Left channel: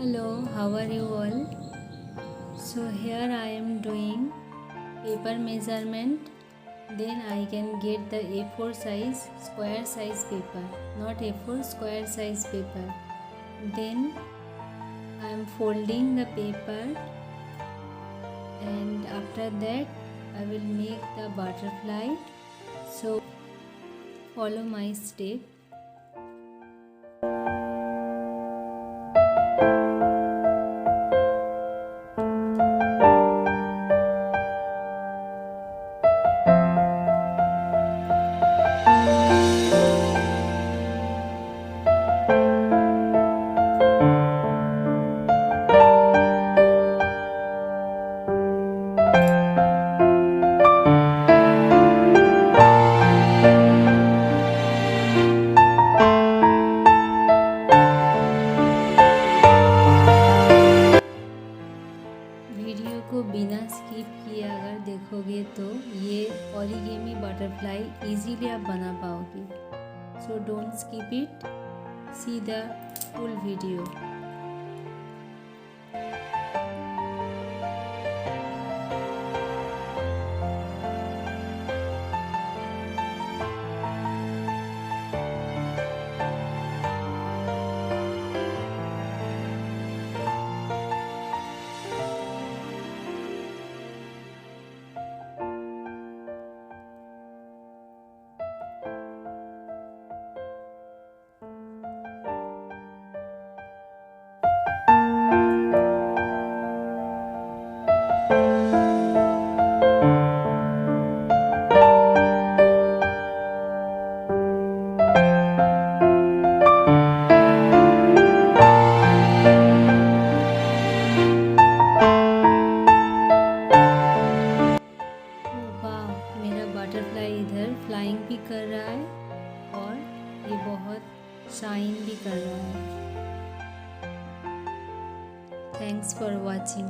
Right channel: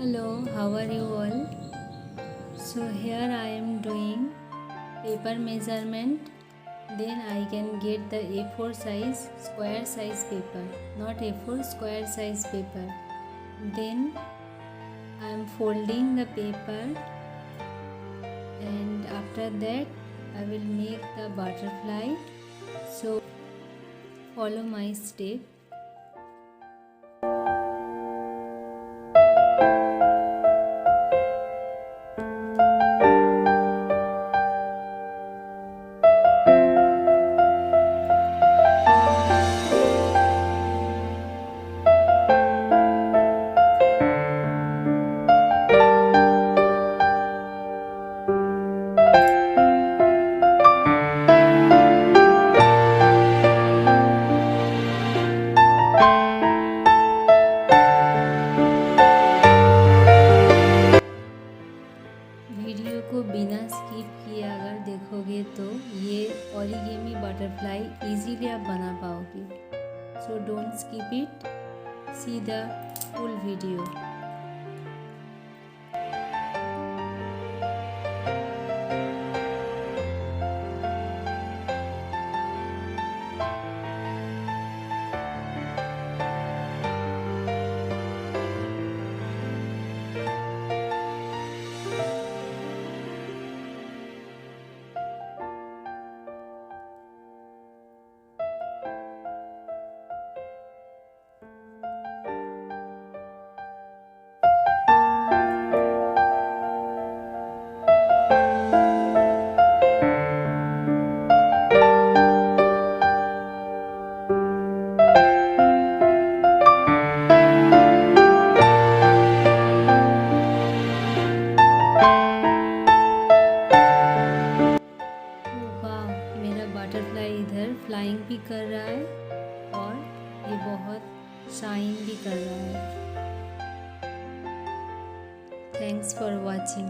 Hello, how are you all? So here I am doing paper measurement. Then I can get the A4 size square size paper, not A4 square size paper. Then I am folding the paper, and after that I will make the butterfly. So follow my step. Video को बिना skip किए अगर देखोगे तो ये origami butterfly easily आप बना पाओगे. So don't skip it, see the full video. Butterfly इधर फ्लाइंग भी कर रहा है और ये बहुत शाइन भी कर रहा है. Thanks for watching.